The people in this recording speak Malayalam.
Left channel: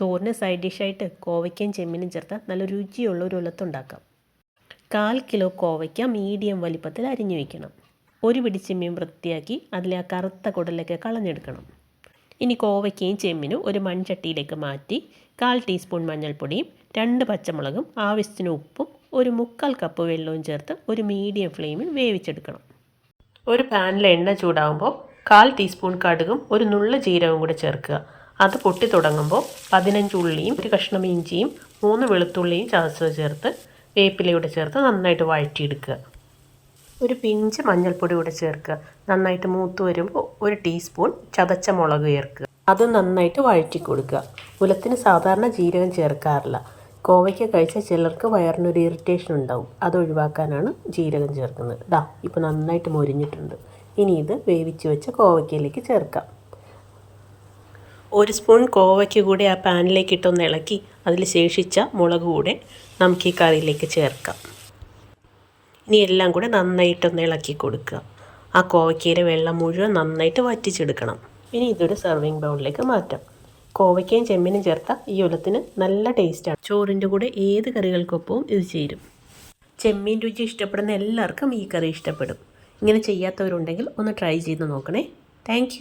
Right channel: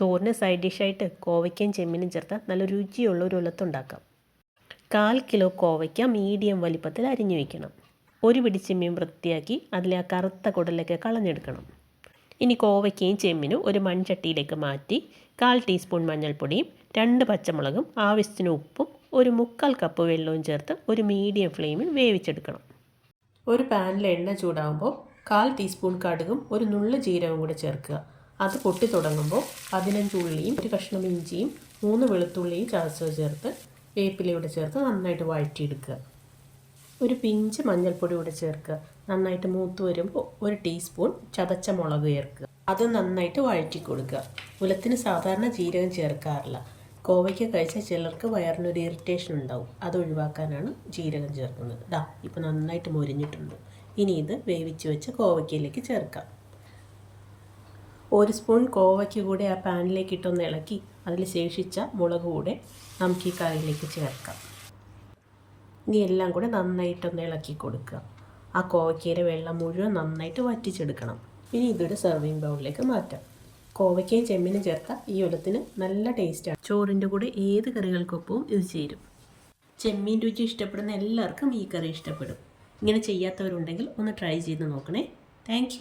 ചോറിന് സൈഡ് ഡിഷായിട്ട് കോവയ്ക്കയും ചെമ്മീനും ചേർത്ത് നല്ല രുചിയുള്ള ഒരു ഉലത്തുണ്ടാക്കാം. കാൽ കിലോ കോവയ്ക്ക മീഡിയം വലിപ്പത്തിൽ അരിഞ്ഞു വയ്ക്കണം ഒരു പിടി ചെമ്മീൻ വൃത്തിയാക്കി അതിലെ ആ കറുത്ത കുടലൊക്കെ കളഞ്ഞെടുക്കണം. ഇനി കോവയ്ക്കയും ചെമ്മീനും ഒരു മൺചട്ടിയിലേക്ക് മാറ്റി കാൽ ടീസ്പൂൺ മഞ്ഞൾപ്പൊടിയും രണ്ട് പച്ചമുളകും ആവശ്യത്തിന് ഉപ്പും ഒരു മുക്കാൽ കപ്പ് വെള്ളവും ചേർത്ത് ഒരു മീഡിയം ഫ്ലെയിമിൽ വേവിച്ചെടുക്കണം. ഒരു പാനിൽ എണ്ണ ചൂടാകുമ്പോൾ കാൽ ടീസ്പൂൺ കടുകും ഒരു നുള്ള ജീരകവും കൂടെ ചേർക്കുക. അത് പൊട്ടി തുടങ്ങുമ്പോൾ പതിനഞ്ച് ഉള്ളിയും ഒരു കഷ്ണം ഇഞ്ചിയും മൂന്ന് വെളുത്തുള്ളിയും ചതച്ചത് ചേർത്ത് വേപ്പിലയൂടെ ചേർത്ത് നന്നായിട്ട് വഴറ്റിയെടുക്കുക. ഒരു പിഞ്ച് മഞ്ഞൾപ്പൊടി കൂടെ ചേർക്കുക. നന്നായിട്ട് മൂത്ത് വരുമ്പോൾ ഒരു ടീസ്പൂൺ ചതച്ച മുളക് ചേർക്കുക. അത് നന്നായിട്ട് വഴറ്റി കൊടുക്കുക ഉലത്തിന് സാധാരണ ജീരകം ചേർക്കാറില്ല. കോവയ്ക്ക് കഴിച്ചാൽ ചിലർക്ക് വയറിനൊരു ഇറിറ്റേഷൻ ഉണ്ടാവും. അത് ഒഴിവാക്കാനാണ് ജീരകം ചേർക്കുന്നത്. ഡാ ഇപ്പോൾ നന്നായിട്ട് മൊരിഞ്ഞിട്ടുണ്ട്. ഇനി ഇത് വേവിച്ച് വെച്ച കോവയ്ക്കയിലേക്ക് ചേർക്കാം. ഒരു സ്പൂൺ കോവയ്ക്ക് കൂടി ആ പാനിലേക്ക് ഇട്ടൊന്ന് ഇളക്കി അതിൽ ശേഷിച്ച മുളക് കൂടെ നമുക്ക് ഈ കറിയിലേക്ക് ചേർക്കാം. ഇനി എല്ലാം കൂടെ നന്നായിട്ടൊന്ന് ഇളക്കി കൊടുക്കുക. ആ കോവയ്ക്കയിലെ വെള്ളം മുഴുവൻ നന്നായിട്ട് വറ്റിച്ചെടുക്കണം. ഇനി ഇതൊരു സെർവിങ് ബൗളിലേക്ക് മാറ്റാം. കോവയ്ക്കയും ചെമ്മീനും ചേർത്ത ഈ ഉലത്തിന് നല്ല ടേസ്റ്റാണ് ചോറിന്റെ കൂടെ ഏത് കറികൾക്കൊപ്പവും ഇത് ചേരും. ചെമ്മീൻ രുചി ഇഷ്ടപ്പെടുന്ന എല്ലാവർക്കും ഈ കറി ഇഷ്ടപ്പെടും. ഇങ്ങനെ ചെയ്യാത്തവരുണ്ടെങ്കിൽ ഒന്ന് ട്രൈ ചെയ്ത് നോക്കണേ. താങ്ക്